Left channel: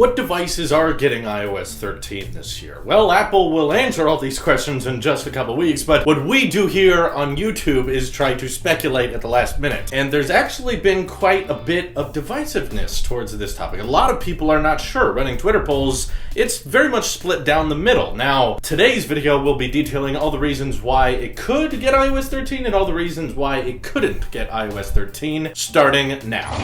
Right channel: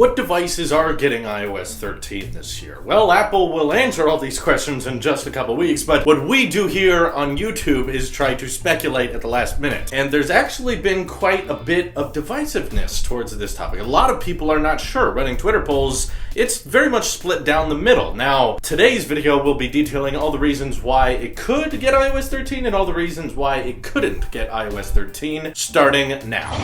What devices are getting iOS 13 this year? Well, Apple will answer all these questions in just a couple weeks, but what we do here on YouTube is try to speculate at the last minute. And there's actually been quite a bit of divisiveness towards this topic. A lot of people are not sure. Running Twitter polls, it's very much split down the middle. Now, today's video will be detailing all the reasons why it could get iOS 13 and all the reasons why it couldn't get iOS 13, starting now.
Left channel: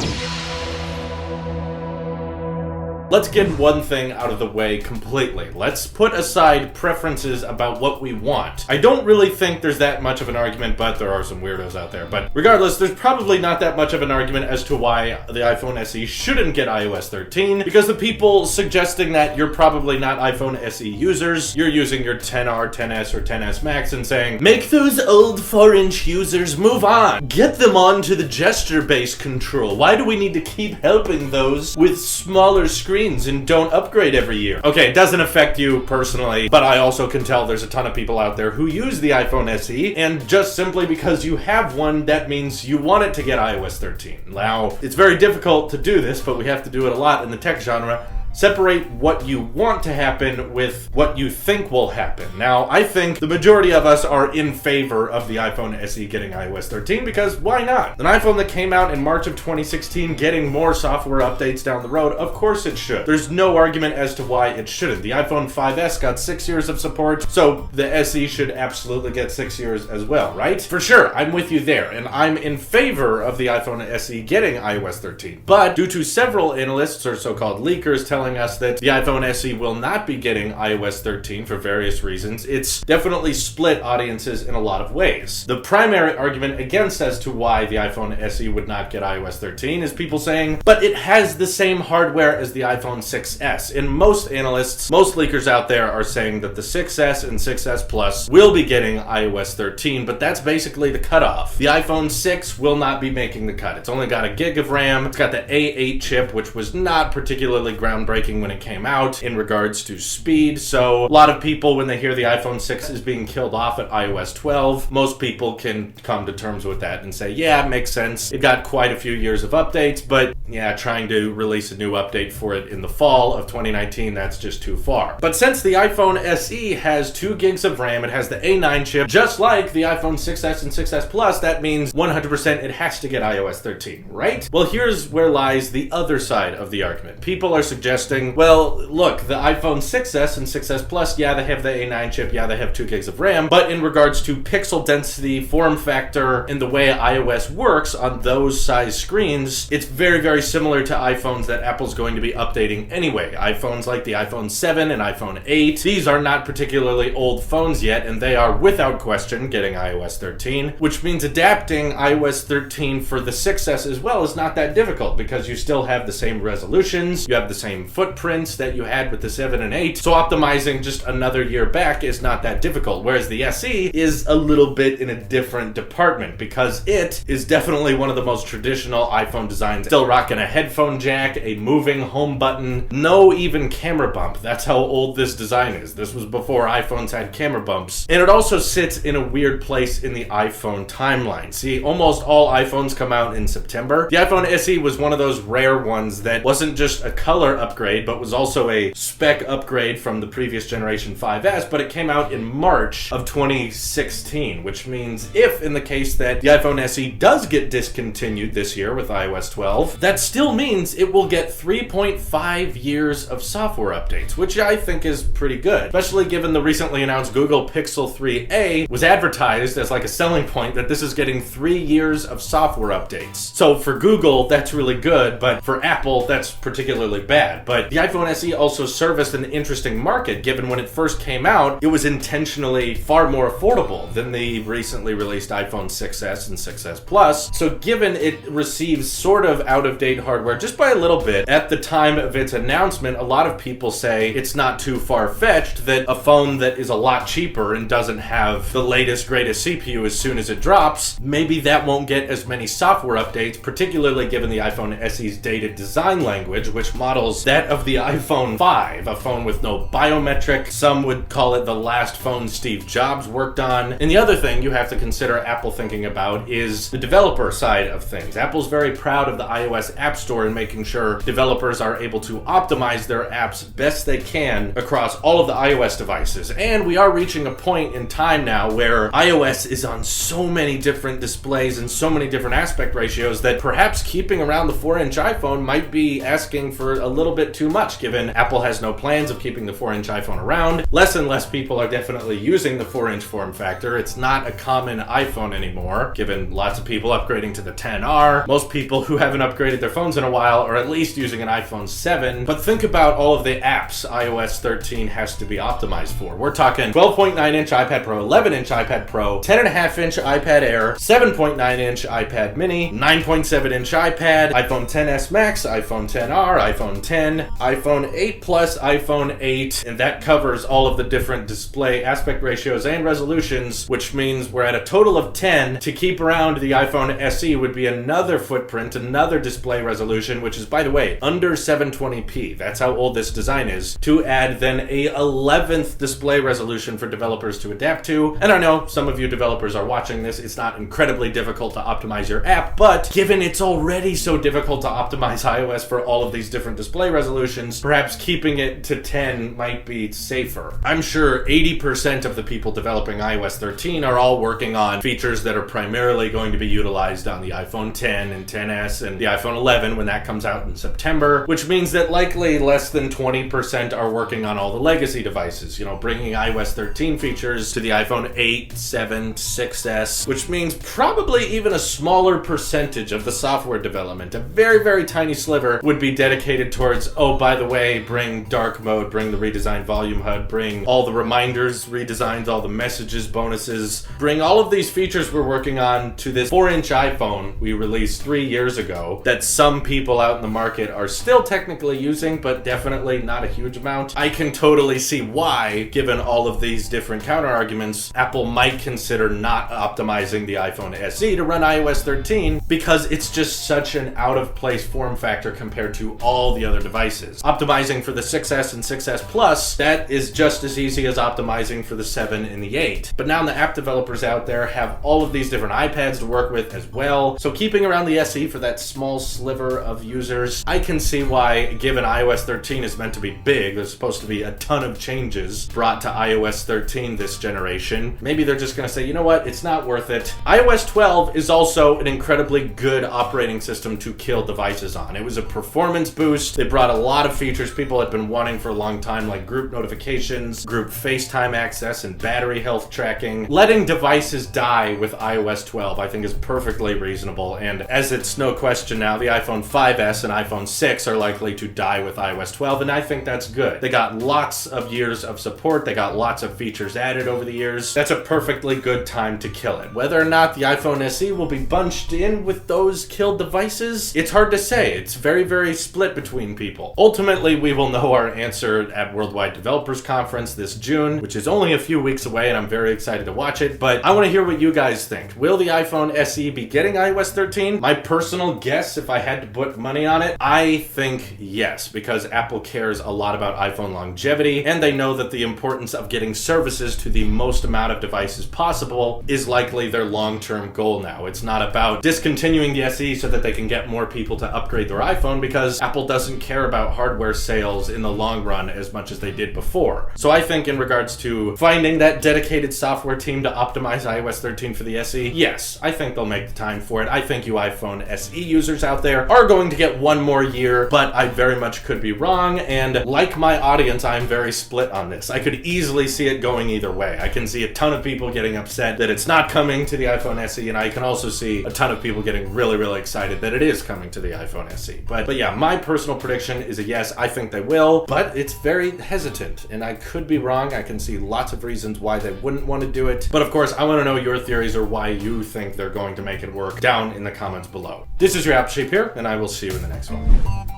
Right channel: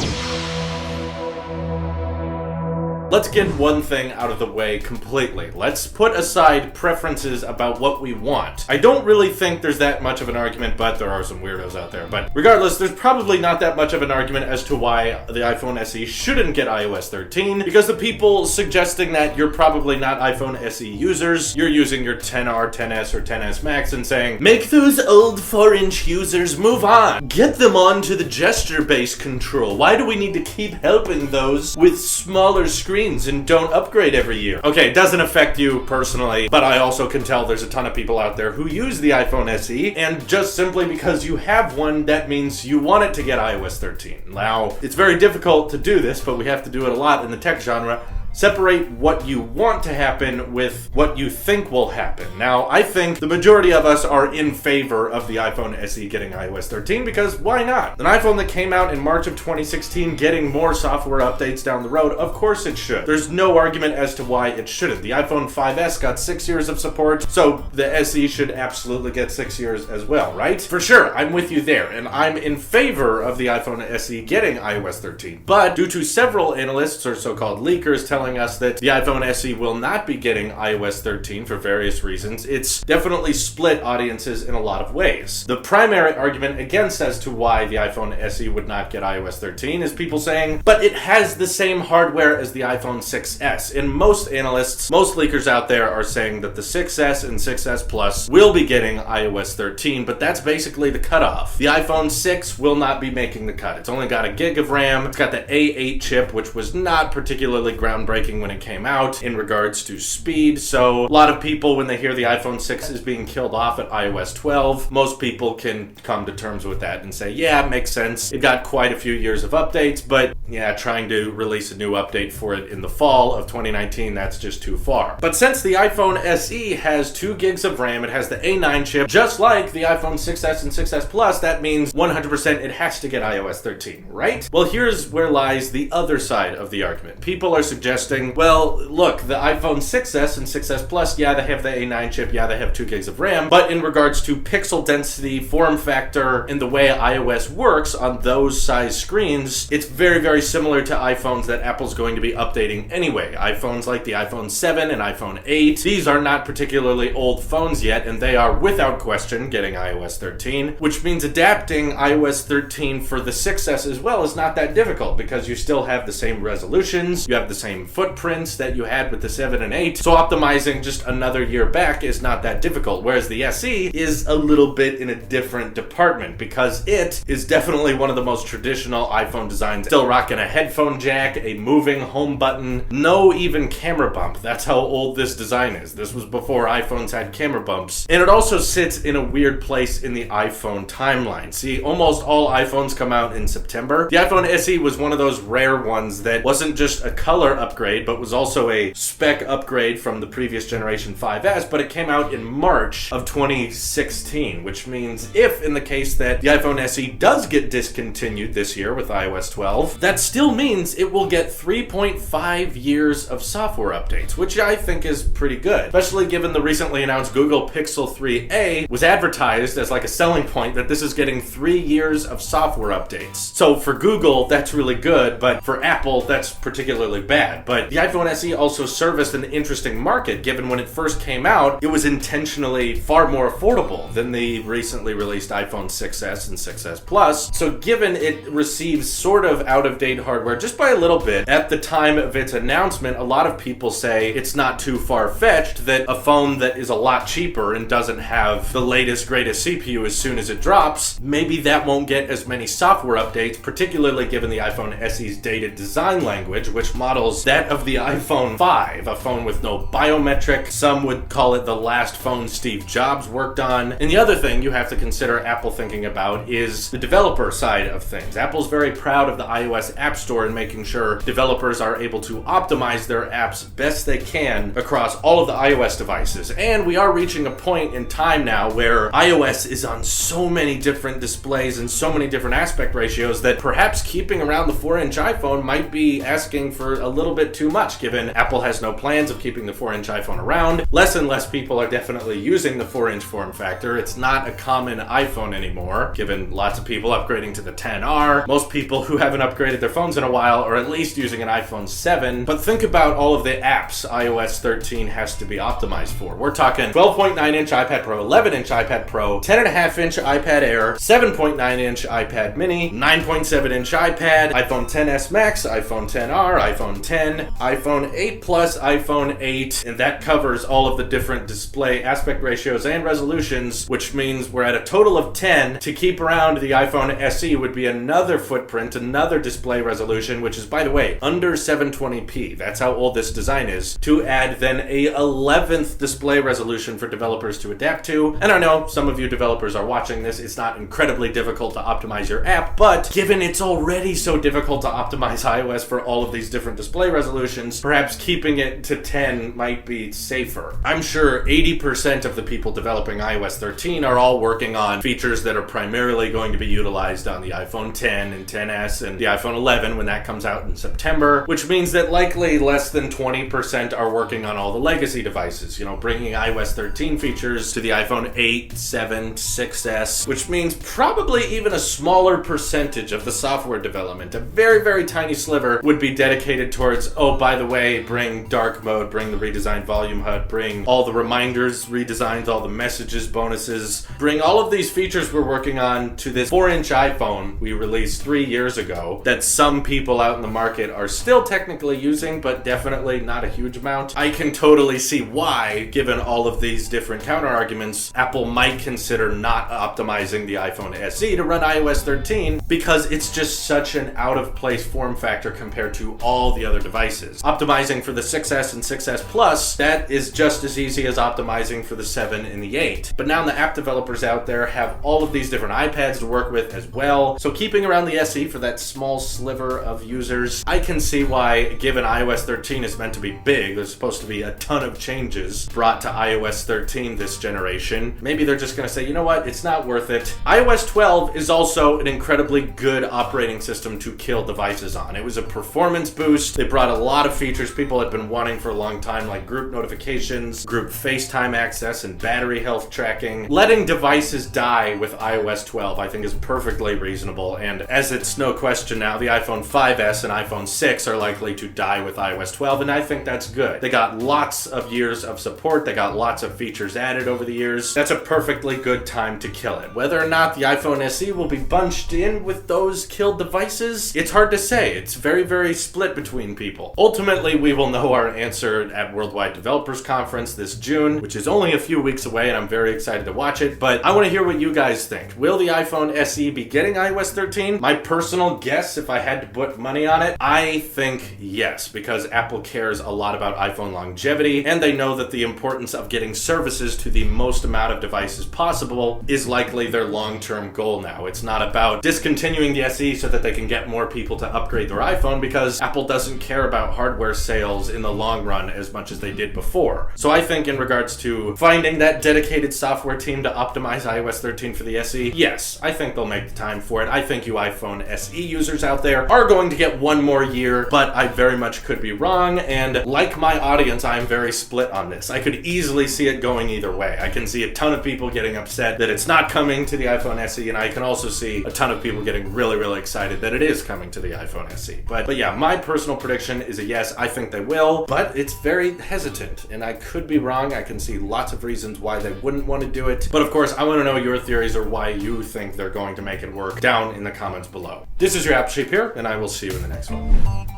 Let's get one thing out of the way completely. Let's put aside preferences about what we want. I don't really think there's that much of an argument, but there are some weirdos out there. But regardless, there's probably not that much of an argument as to why the iPhone SE shouldn't get iOS 13, because the people suggesting that you're probably not iPhone SE users, you're using your 10R, 10S, or 10S Max and saying, make those old 4-inch users move on. Get them onto the gesture-based control. Why do we need to keep helping those with smaller screens and don't upgrade every year? Okay, it doesn't affect you personally, but I also can tell there's a ton of people out there who use the iPhone SE, and just simply because you have one, that means you want it to get iOS 13. Now, it's very difficult to do this, but we have to do it a lot in the tech genre. Separate what you want to happen with what you think will happen. Now, I think the majority of us are in favor of the iPhone SE getting iOS 13 because why not? An iPhone that came out in March of 2016 getting more software updates down the road, of course it should. There's no argument as to why it shouldn't. The iPhone 5S got 6 years of support, so the SE should absolutely get 6 years as well, right? For sure, I'm with you there, and I'm in favor of the iPhone SE getting iOS 13. But due to several analysts or so-called leakers telling us that the iPhone SE will not be getting iOS 13 for various reasons, it's definitely split audiences in a lot of ways. The primary argument against as to why the iPhone SE would not get iOS 13 is people saying, but it has the same hardware as the iPhone 6S. And most analysts, most leakers out there are saying that the 6S and 6S Plus will be getting iOS 13, but that's basically the cutoff. The iPhone 6 will not be making the cut. It's only got a gig of RAM. It's got the A8 chip, which was not particularly groundbreaking when it came out in regards to speed. So a lot of people, when they hear the iPhone 6 is being killed off at iOS 12, most people can come to terms with that and say, yeah, it makes sense. It got quite a few years of updates, but yeah, trying to release a new update for it in the fall of 2019, that's just too far. But since the iPhone SE has 2 gigs of RAM, it has the A9 chip, just like the iPhone 6S and 6S Plus, that means 100% it has to get iOS 13, right? Well, here's where lies the other side of the argument. People are suggesting, well, look, the iPhone 6S and 6S Plus, yeah, they have the A9 chip, yeah, they have 2 gigs of RAM, but in regards to pixel density, form factor, and the way iOS works on those size screens, it's very, very similar to iPhones that Apple's going to be updating anyway. iPhones like the iPhone 7 and iPhone 8, these are not particularly old phones yet, and they are without question getting iOS 13, which means adapting iOS 13 for the 6S as well is not that difficult because you still have the same resolutions, you have the same footprints that you had with the 7 and 8, so optimizing just another year back is not that difficult, whereas the SE is a little bit in a different department because it is definitely one of the most traditional iPhone designs, still rocking a headphone jack, a moving home button, no even camera bump. That's how old this design is. This was before iPhones had camera bumps, and it also sits in a weird place in the iPhone timeline. See, almost all iPhones come out in September. The iPhone SE was one of those rare ones that wasn't just a color upgrade, but was also a spec upgrade from the previous generation 5S, but it came out in March of 2016, which means if in the case that the iPhone SE does get discontinued this year with iOS 12, that still means it will get 3.5 years of software updates, which I think is pretty good, especially given the recently announced Google Pixel 3a was advertised as like a selling point that this is getting 3 years of software updates. So for Google, that's really good, but for Apple, that's particularly bad. But the iPhone SE also serviced an interesting market, given when it first came out, it was intentionally far more affordable than the recently released iPhone 6S and 6S Plus. So given it receives sort of out-of-date hardware just by a little bit, at the time of its announcement, a lot of people say it's not too far-fetched that a phone that is a lot cheaper and doesn't have the latest, greatest CPU as soon as it drops, maybe that won't get as many software updates, particularly given the iPhone SE's dated design language, which models that that of the iPhone 5, a phone with no biometric. Some would call it the last phone Steve Jobs worked on. And the other thing you have to consider Apple thinking about is the developer side of things. Apple's very proud of the iOS App Store and making sure developers are able to optimize their apps best they can across all of the iOS devices. And we are reaching a point in time now where iOS is on so many different displays and so many different aspect ratios that perhaps keeping around the 4-inch iPhone might be asking for a little bit too much, given Apple has no plans of keeping the 4-inch iPhone around. Less and less people are definitely using the 4-inch form factor. It's not a common iPhone anymore, given lots of people upgrading to the XR. Most people who haven't upgraded their phones in a while are at least using an iPhone 7. But think about all of the apps iOS 13 has to be optimized for. We're talking 12.9-inch iPad Pro, 11-inch iPad Pro, 10.5-inch iPad Air, 7.9-inch iPad Mini, 9.7-inch iPad, iPhone XS Max, iPhone XR, iPhone 10, iPhone 8 Plus, iPhone 8, and that covers all of the different display aspect ratios and resolutions, which means we're at a total of 10. To keep around the iPhone SE would be another footprint, another display resolution, which is, by the way, under 720p. That's how old this design is. To add then a 11th display resolution for developers to adapt to. And I know some of you developers are watching this. It's not incredibly difficult to optimize your app, but given it's already so difficult to optimize iOS for all of these different display resolutions, perhaps keeping it to 10 might be safer. I'm sure 80% of the people developing iOS 13 are all working on features that are primarily going to be utilized on the iPhone 10 and XS and the iPhone 11 when that comes out in September, which means that likely less than 20% are working on all the legacy devices, bringing iOS 13 features to the iPhone 8, 7, 6S, which means probably even a smaller percentage of the software development, a very, very tiny sliver, would be dedicated towards, oh, by the way, bring dark mode, bring the redesigned volume HUD, bring all the reminders redesigns, all the messages, bonuses, bring all of these features we're working on to this 4-inch iPhone we released 3 years ago that some people out in the market are still technically using, but definitely not a huge amount. I can totally see why, given all of these different counter arguments, Apple might consider not optimizing the iPhone SE to run iOS 13 because it's just such an out-of-place form factor compared to all the other devices. Optimizing for the 6S and 6S Plus, that is just as easy as optimizing for the 7 and the 8. But now the app developers out there have all of these different iPads to work with as well, so keeping around the SE for that small sliver of users, I can see why, given iOS 13 is meant to be big, there's supposed to be a ton of changes brought to iOS 13 this generation, maybe they're just going to say, you know what, it's not worth it. iOS 12 is also an incredibly good operating system to kill devices on. It was a performance boost. They brought a lot of features people had been wanting for a long time, like group notifications, group FaceTime access, and battery health tracking. Letting devices die with iOS 12, I think, is perfectly reasonable, and as it's no question now, the iPhone 5S and iPhone 6 are likely to die with iOS 12, and I think that's good. They got lots of years of support, they got lots of features added over the years. That's a perfectly good time to kill it. Whether or not the iPhone SE will be bunched in with those killed devices, it's hard to say. It's very, very split between people. Ultimately, we will know our answer at Worldwide Developers Conference this June, which is only a few weeks away, and I'm very excited to watch it, but I want to hear what you guys think. Will the iPhone SE be getting iOS 13? My personal guess, if I had to put money on it, I think yes, because Apple cares a lot about iPhone longevity, and they know that the importance of getting services to the most amount of devices possible is likely their long-term goal now. It's not about discontinuing the SE so that they can get more people to upgrade their iPhone, because Apple doesn't care about hardware sales in the long run as much as they did before. So I think in regards to finding that dedicated software team to optimize iOS 13 for the SE, yes, I think they'll make the time for it. I think you iPhone SE users out there are going to get one more year, but I very much could be wrong, and like my audience, I'm very split on this. I could easily see it going either way. I can see a ton of people getting upset that it's not coming to the iPhone SE, and I can also see a ton of people getting really, really excited that it is coming to the iPhone SE. But yeah, my personal prediction is a yes, I think they will, but it's very hesitant, and I could be wrong. I can see lots of reasons why they wouldn't want to do it, but of course, I want to know your theories or why you think they're going to make it work down in the comments below. This is your App Shape here, and I will see you in the next one.